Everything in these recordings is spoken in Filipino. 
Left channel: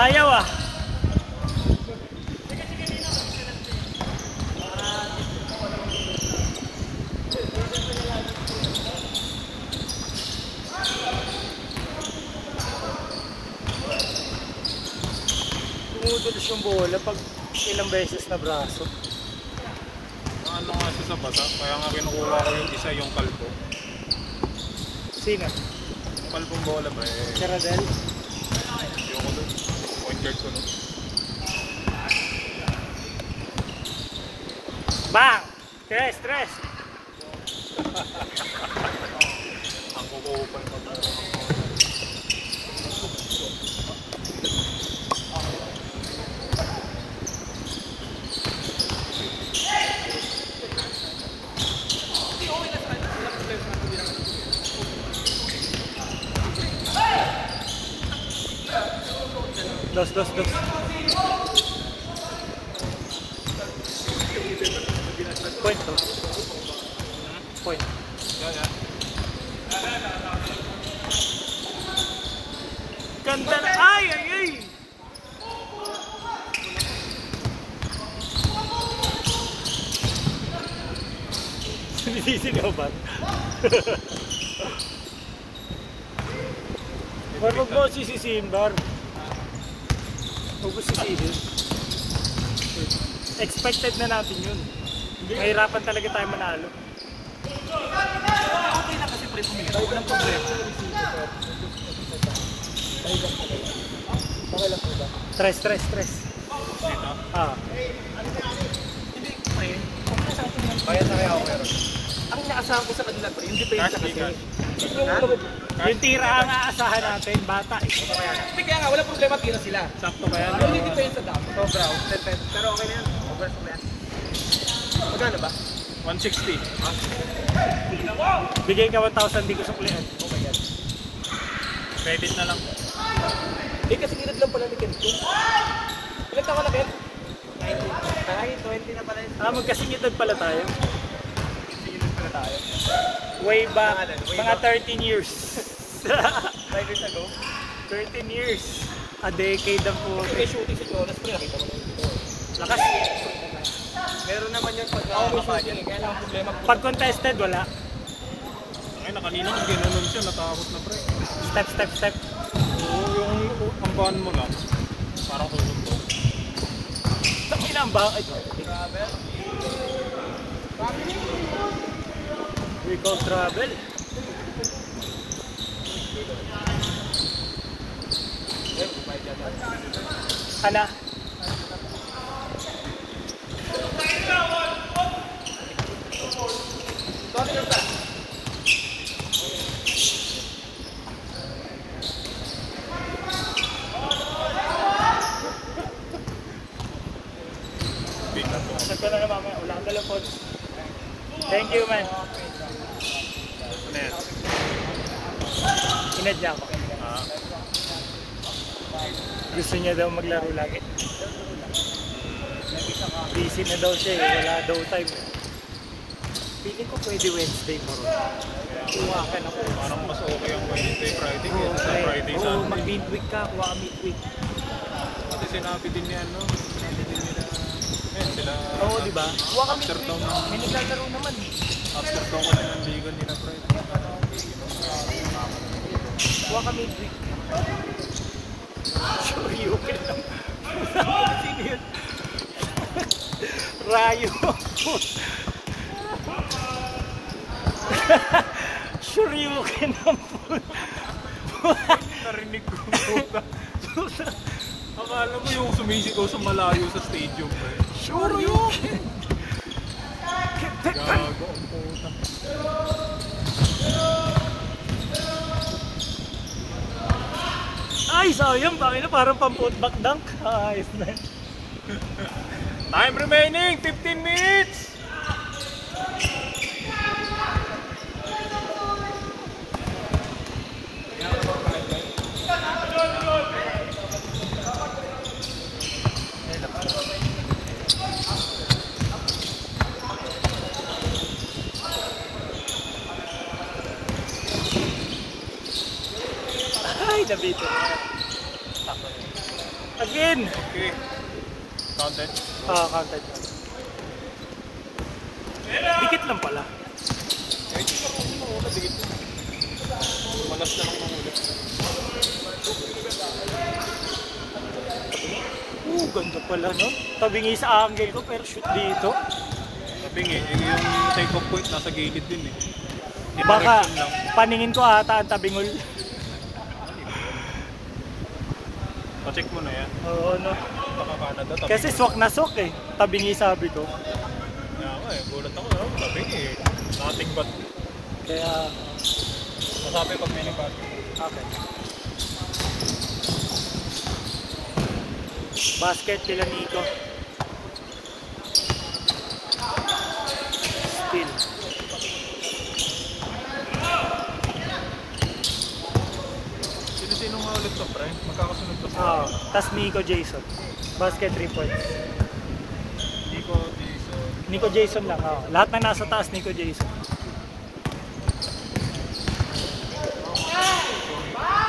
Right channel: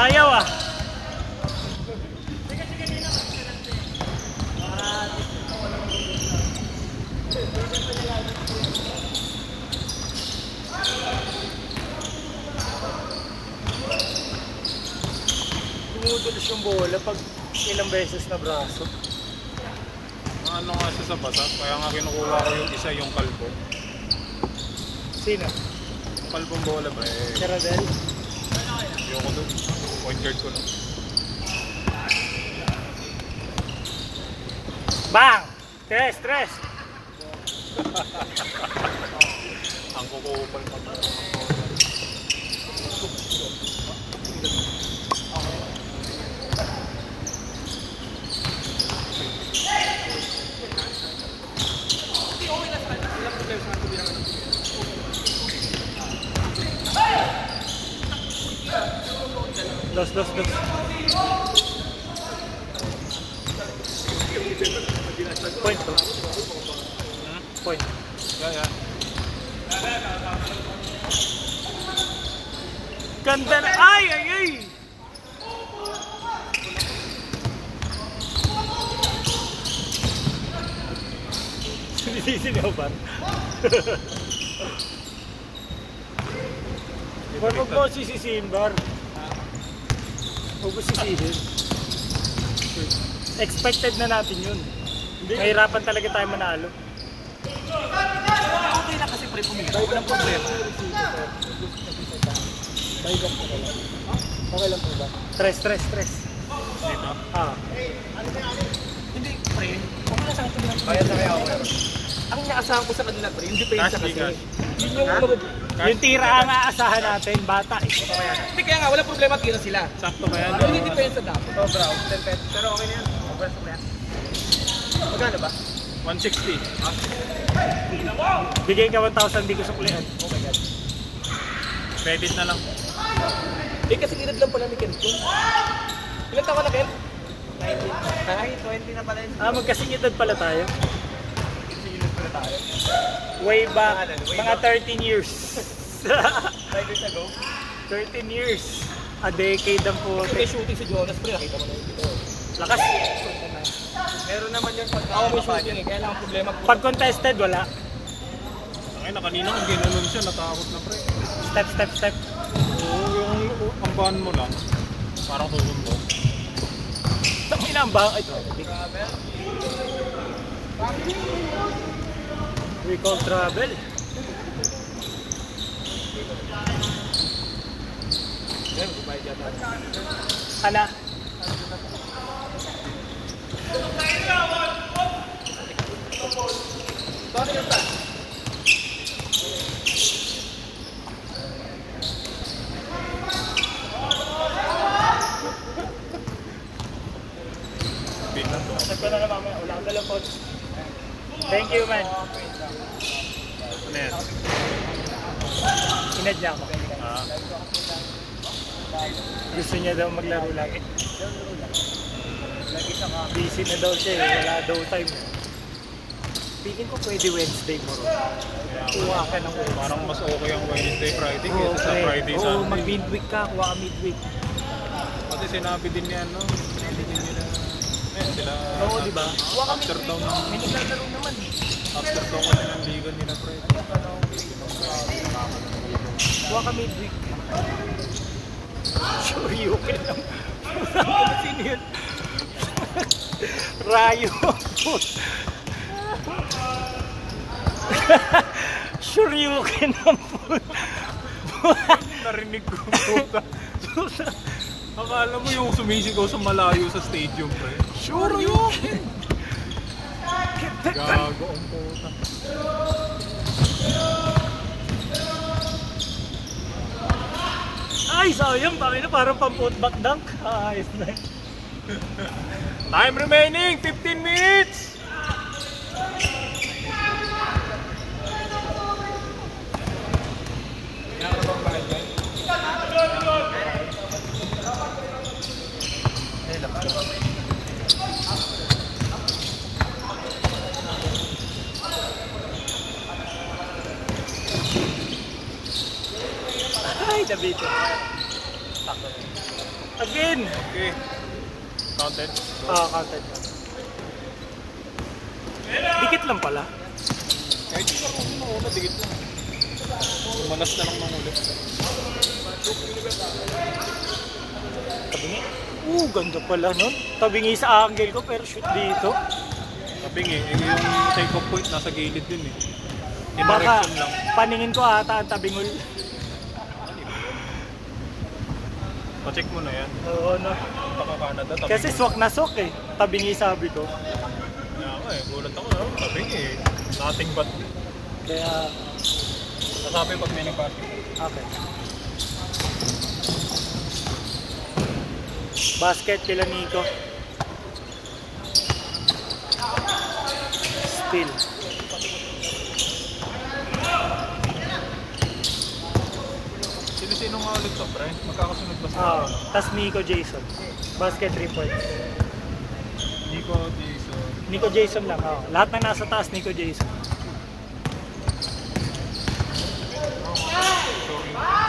Ayaw ah. Tumutulos yung bola pag ilang beses na braso. Ano nga siya sa basa, kaya nga kinukuha ko yung isa, yung kalbo. Sino? Yung kalbong bola ba eh? Caradel? Ayoko doon. Point guard ko no. Bang! Stress! Ang kukupal pa ba? Dos. Point to. Point. Yeah. Ganda na. Ay! Sinisisigaw ba? Wag mo sisisihin, Bar. Huwag mo sisihin. Expected na natin yun. Mahirapan talaga tayo manalo. Okay na kasi pre, huwag lang problema. Okay lang po ba? Stress. Dito? Hindi, pre. Kaya ako meron. Ang naasahan ko sa kanila pre, hindi pa yun sa kasi. Yung tira ang aasahan natin, bata. Hindi kaya nga, wala problema, tira sila. Sakto ba yan? Yung hindi depensa dapat. Pero okay na yan. Magkano ba? 160. Bigay ka 1,000, di ko suklihan. Oh my God. Credit na lang. Eh kasi ginad lang pala ni Kempton. Ilan taon ka na, Ken? 19. Ay, 20 na pala yun. Magkasing edad pala tayo. Sinunod pala tayo. Way back, mga 13 years. 5 years ago. 13 years. A decade ang po. May shooting si Jonas, pre. Nakita mo na yun dito. Lakas. Meron naman yung pagkakapagin. Kaya lang ang problema. Pag contested, wala. Ay, na kanina kung ginanon siya, natakot na pre. Stop. Oo, yung ambahan mo lang. Parang tuhod mo. Tapos na ang bakit. We call travel. Ana. Bakit yung pa? Thank you, man. Ano yan? Inad niya ako. Gusto niya daw maglaro lagi. Busy na daw siya eh. Wala daw time. Feeling ko pwede Wednesday mo ron. Kuha ka ng Wednesday. Parang mas okay ang Wednesday, Friday. Oo, Friday, oo, Sunday. mag-midweek ka. Kuha ka midweek. Kasi sinabi din yan, no? Sinabi din nila. Sila Oo, diba? after down ng... Naglalaro naman. After down kasi ng legal nila, Friday. Kuha ka midweek. Sure, okay lang. Sino yun? Rayo. Sure, okay lang po. Narinig ko yung tuta. Akala mo yung sumisigaw sa malayo sa stadium. Sure, you. Gago ang puta. Ay, sayang. Bakit na parang pang-putback dunk. Ayos na. Time remaining, 15 minutes! Ay, nabito. Again! Okay. Counted. Counted. Dikit lang pala. Okay, matigit. Manas lang yung ulit. Ganda pala, no? Tabingi sa angle ko, pero shoot dito. Tabing eh, yung take off point nasa gilid din eh. Baka Direction lang. paningin ko ata ang tabingol. Pa-check mo na yan. Oo, no? Punta ka Canada, tabing. Kasi swak na swak eh. Tabingi sabi ko. Kaya ako eh, gulat ako, tabing eh. Nothing but. Kaya, Masabi pag may nagpat. okay. Basket kila Nico. Steal. Sino nga ulit to, pre? Magkakasunod ba sila? Tas Nico Jason. Basket 3 points. Nico, Jason. Nico Jason lang. Lahat na nasa taas, Nico Jason.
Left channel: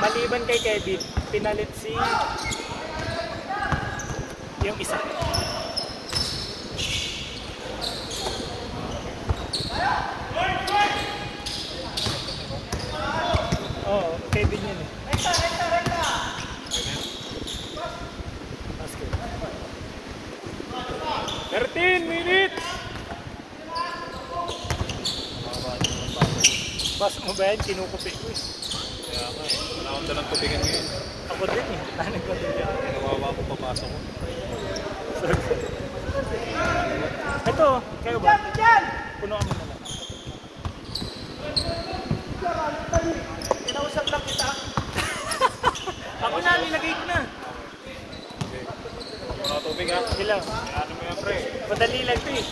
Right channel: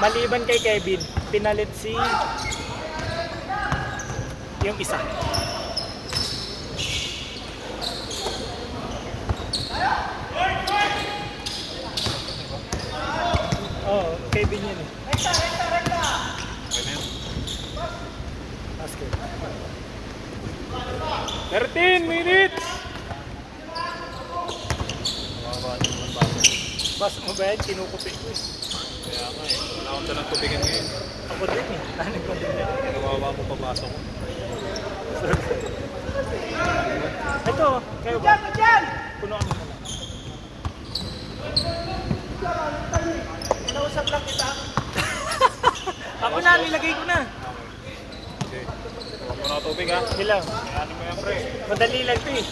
Maliban kay Kevin, pinalit si yung isa. Kevin yun eh. Basket. 13 minutes! Bas mo ba yan? Kinukupi ko eh. Kaya nga eh, wala akong dalang tubigan ngayon. Ako din eh. Ano ko din yan? Nawawa mo papasok ko. Ito, kayo ba? Punuan mo na lang. Mausap lang kita. Ako na, nilagay ko na. Okay. Huwag mo na tubig ha. Ilang? Ano mo yan pre? Madali lang ito eh.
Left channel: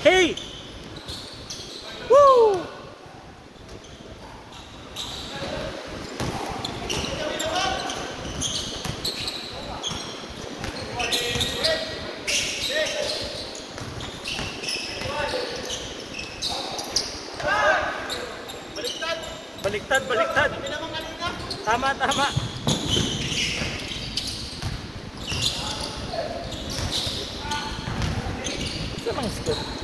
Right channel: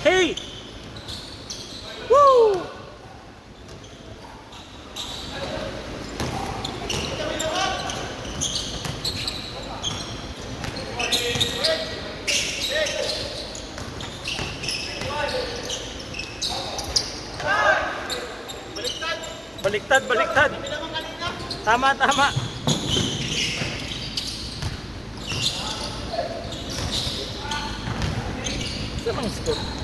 Hey! Woo! Baliktad, baliktad. Tama, tama. Ito bang score?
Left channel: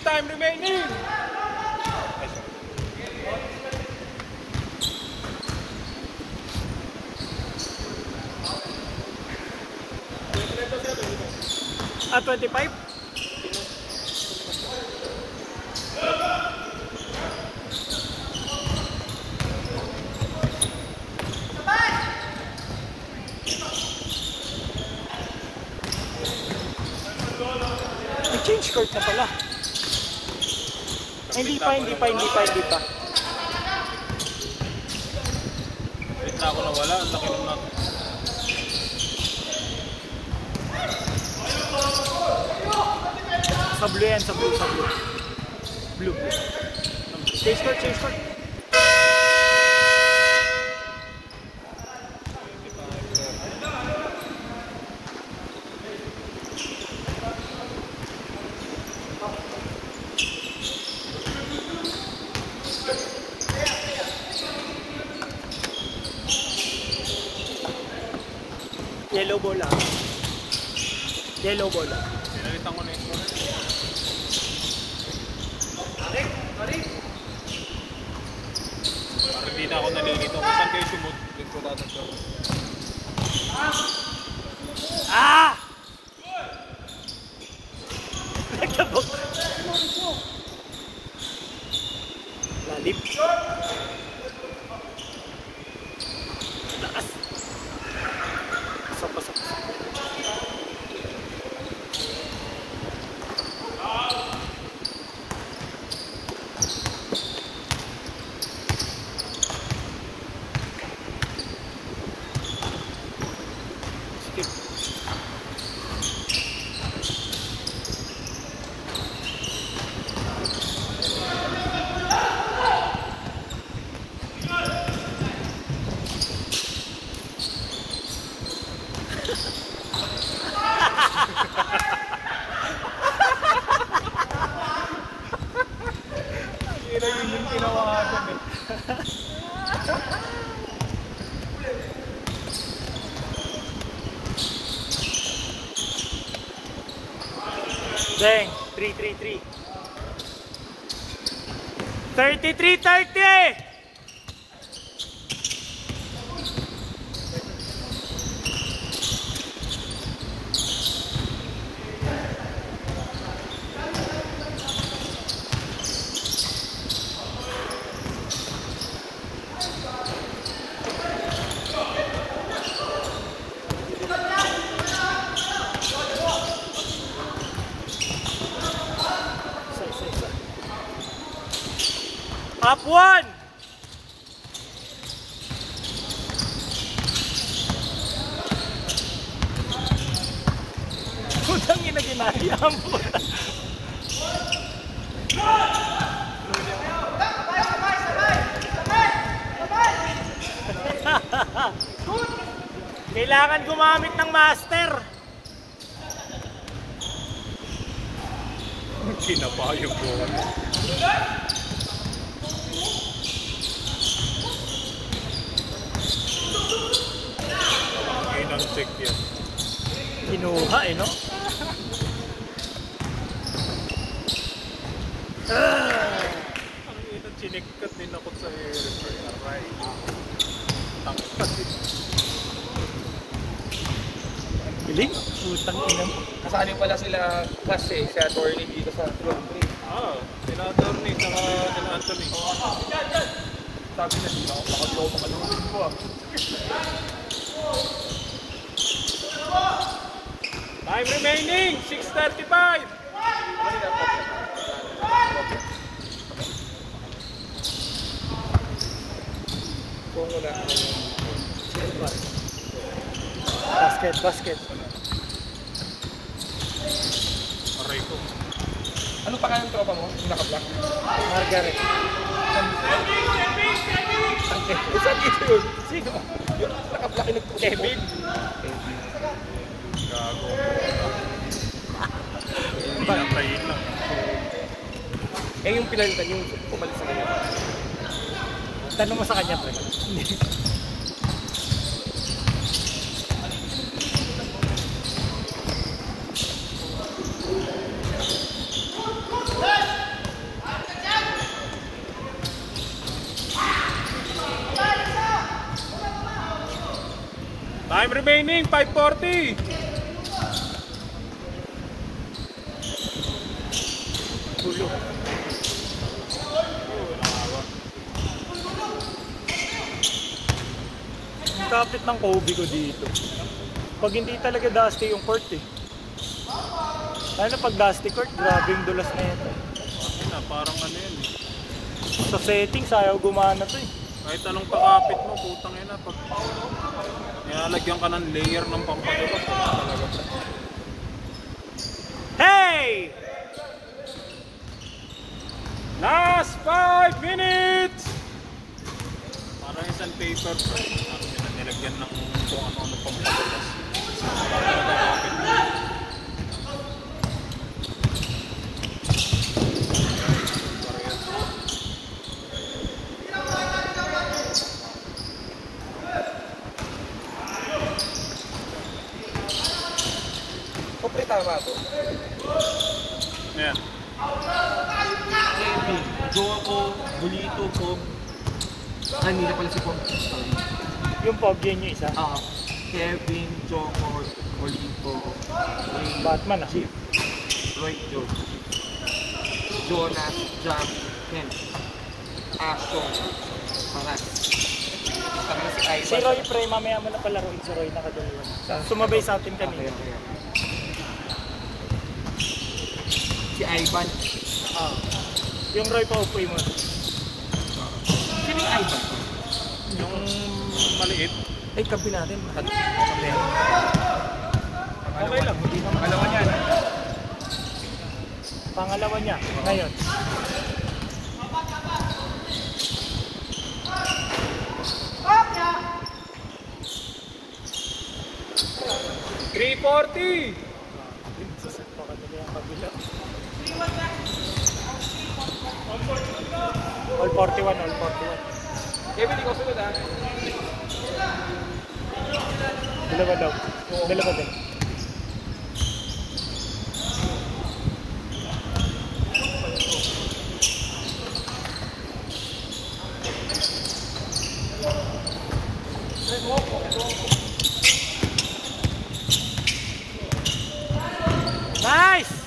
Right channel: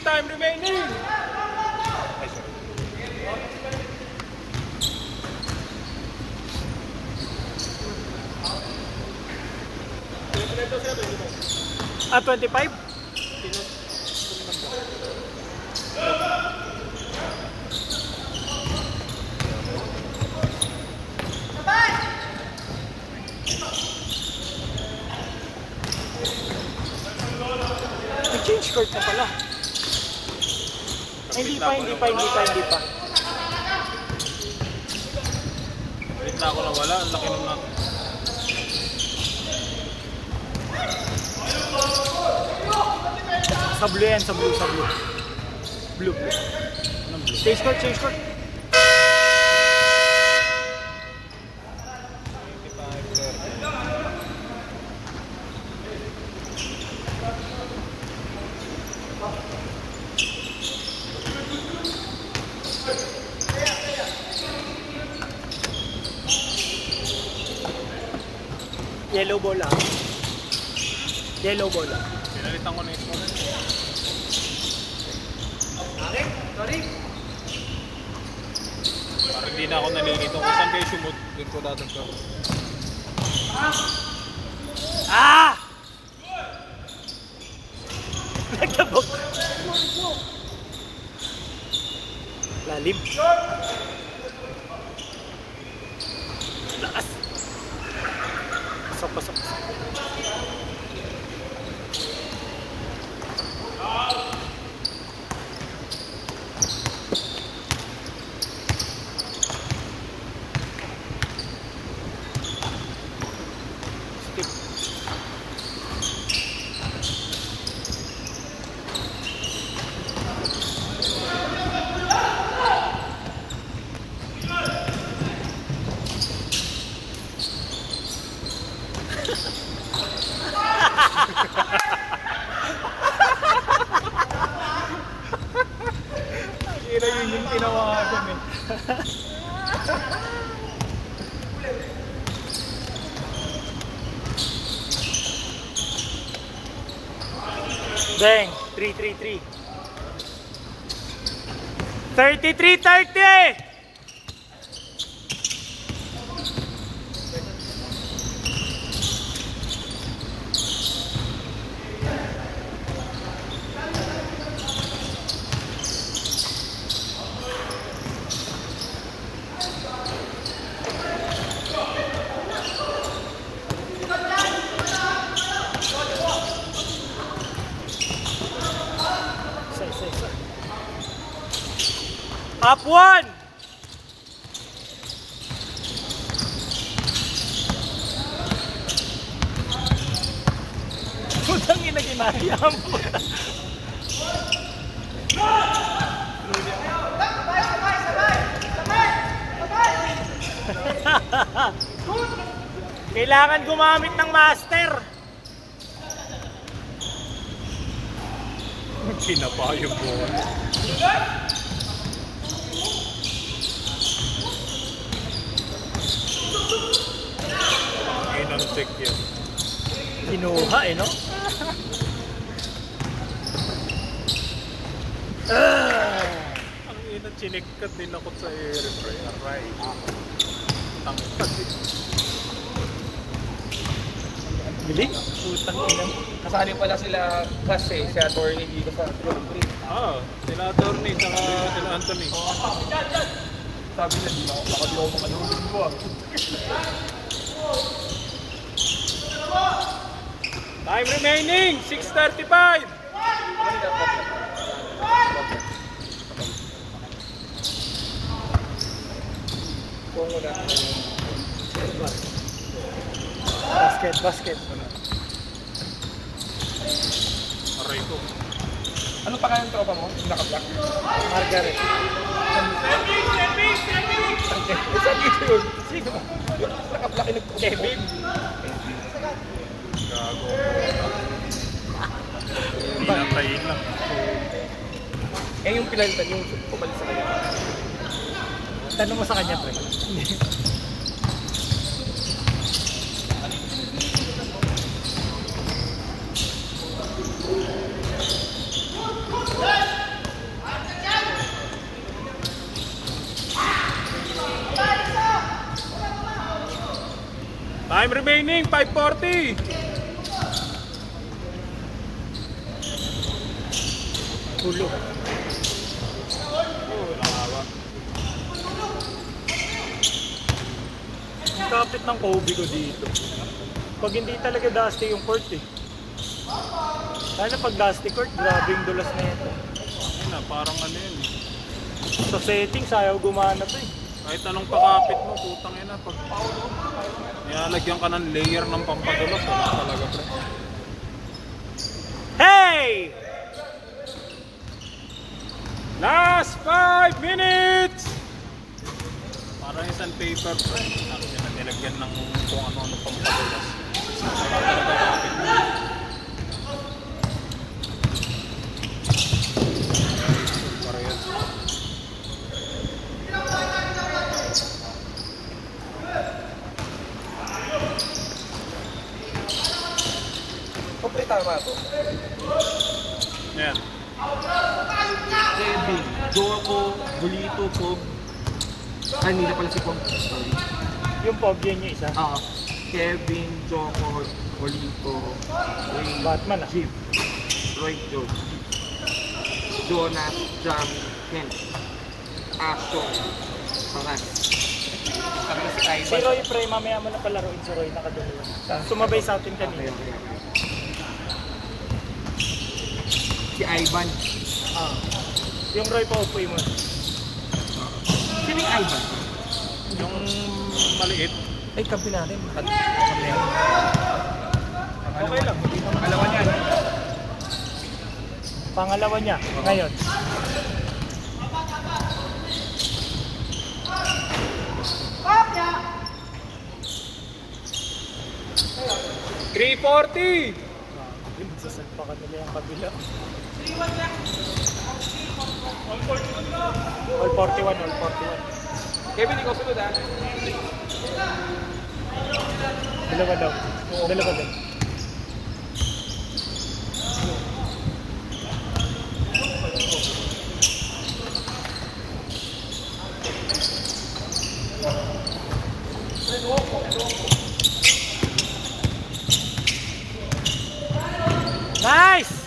Time remaining! Ah, 25? I-change court na pala. Hindi pa. Wait na ako nawala, ang laki naman natin. Sa blue yan, sa blue. Blue. Change court. Yellow ball lang. Pinalitan ko na ito. nalilito. Kung saan kayo sumot, hindi ko dadagdag. Ah! Nagtabok. Lalim. Lakas. Pasok. Kira yun yung tinawagan eh. Bang! 3-3-3. 33-30! Up one! Putang ina, ginaya mo. Kailangan gumamit ng master. Pinapayog ko. Inang check yan. Kinuha eh, no? Ang inang chinikkat din ako sa airframe. Tangkad eh. Galing? Putang ina. Kasali pala sila kasi si attorney dito sa Club 3. Ah, senator ni saka Anthony. Sabi niya, di ba? Nakadlaw makalungin ko ah. Time remaining, 6:35. Basket. Aray ko. Ano pa kayong tropa mo? Yung naka-black? Margaret. Sino ba? Yung naka-black yung Kevin. Gago. Pinatay lang. Eh yung pinalitan yung pumalit sa kanya. Tanong mo sa kanya, pre. Time remaining, 5:40. Hulo. Ang kapit ng Kobe ko dito. Pag hindi talaga dusty yung court eh. Lalo pag dusty court, grabe yung dulas na ito. Ay na, parang ano yun eh. Sa settings, ayaw gumana to eh. Kahit anong pakapit mo, putang ina. Pag nilalagyan ka ng layer ng pampadulas. Hey! Last 5 minutes! Parang isang paper, pre. Sabi niya na nilagyan ng kung ano-ano pampadulas. Wala talaga kapit mo. Kapre tama to. Ayan. Kevin, Joko, Bulito, Kobe. Ay, hindi na pala si Paul. Sorry. Yung Pogi niya isa. Oo. Kevin, Jomor, Olito, Batman ah. Jeep, Lloyd Joe, Jonas, Johnny, Ken, Ashton, Saras. Kami si Ivan. Si Roy pre, mamaya mo na palaruin si Roy nakadalo. Sumabay sa atin kanina. Si Ivan. Ah. Yung Roy pa upoy mo. Sino yung Ivan? Yung maliit. Ay, kabi natin. Okay lang, hindi naman. Pangalawa niya. Pangalawa niya, ngayon. $340. Sasat pa kanila yung kabila. All 41, all 41. Kevin, ikaw sunod ha? Dalawa daw. Dalawa din. Nice!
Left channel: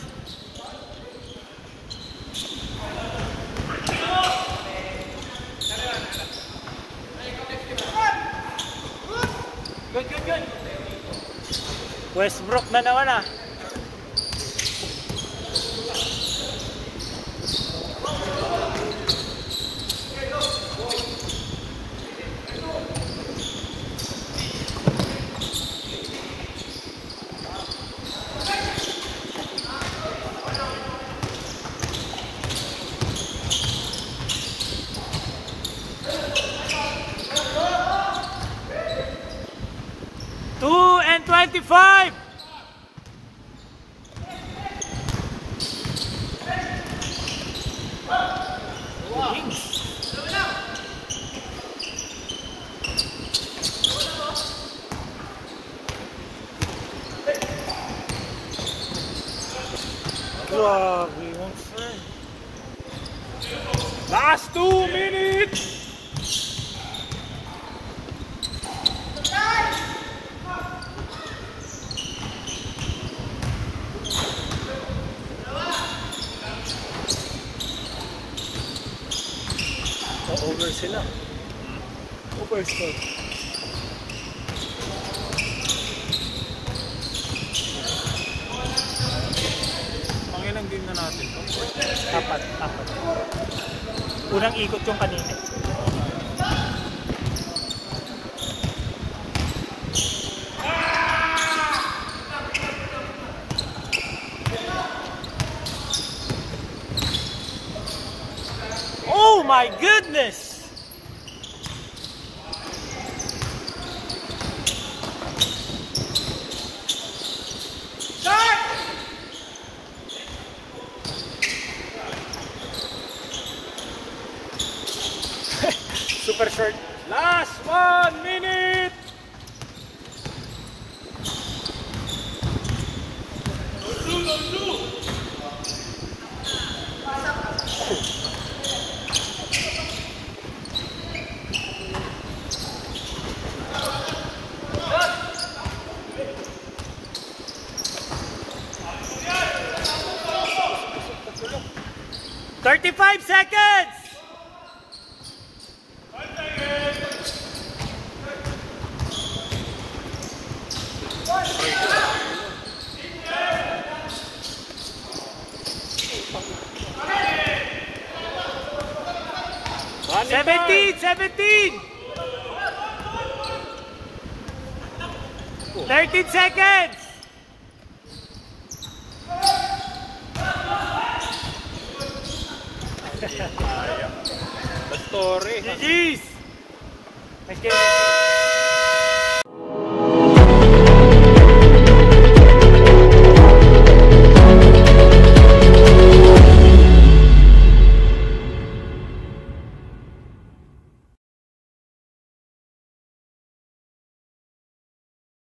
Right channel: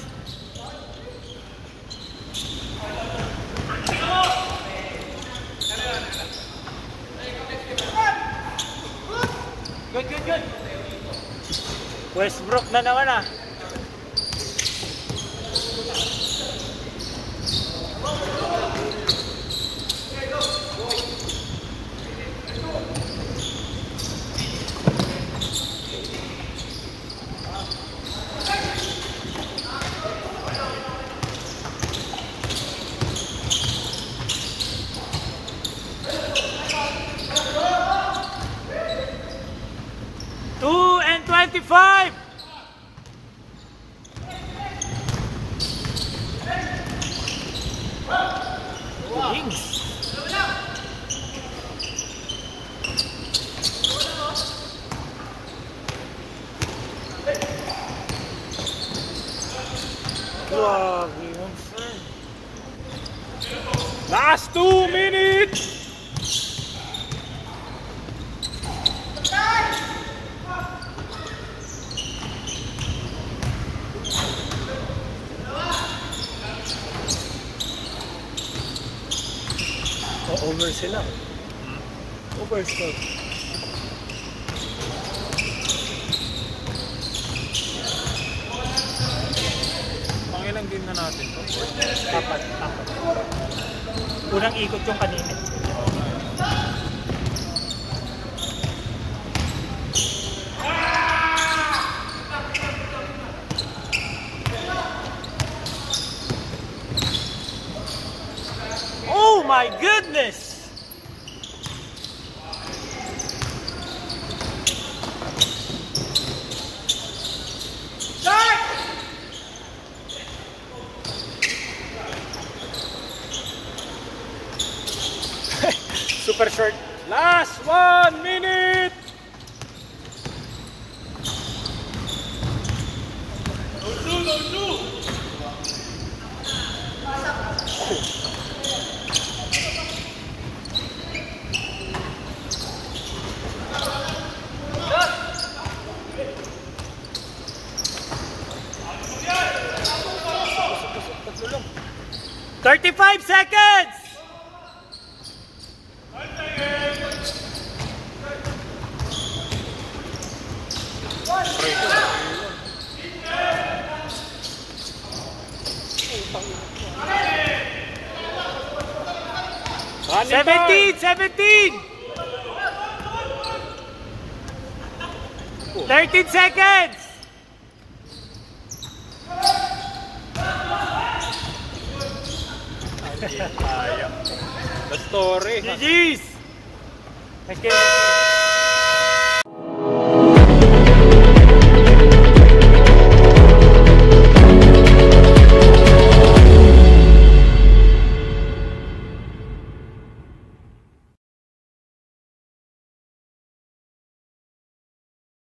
Good. Westbrook na naman ah. Two and 25. Wings. Grabe, one fine. Last 2 minutes. Over sila. Overstop. Pangilang game na natin to. Apat. Unang ikot yung kanina. Oh my goodness! Super short. Last 1 minute. $35 seconds! Running 17! 13 seconds! The story. GG's! Thank you.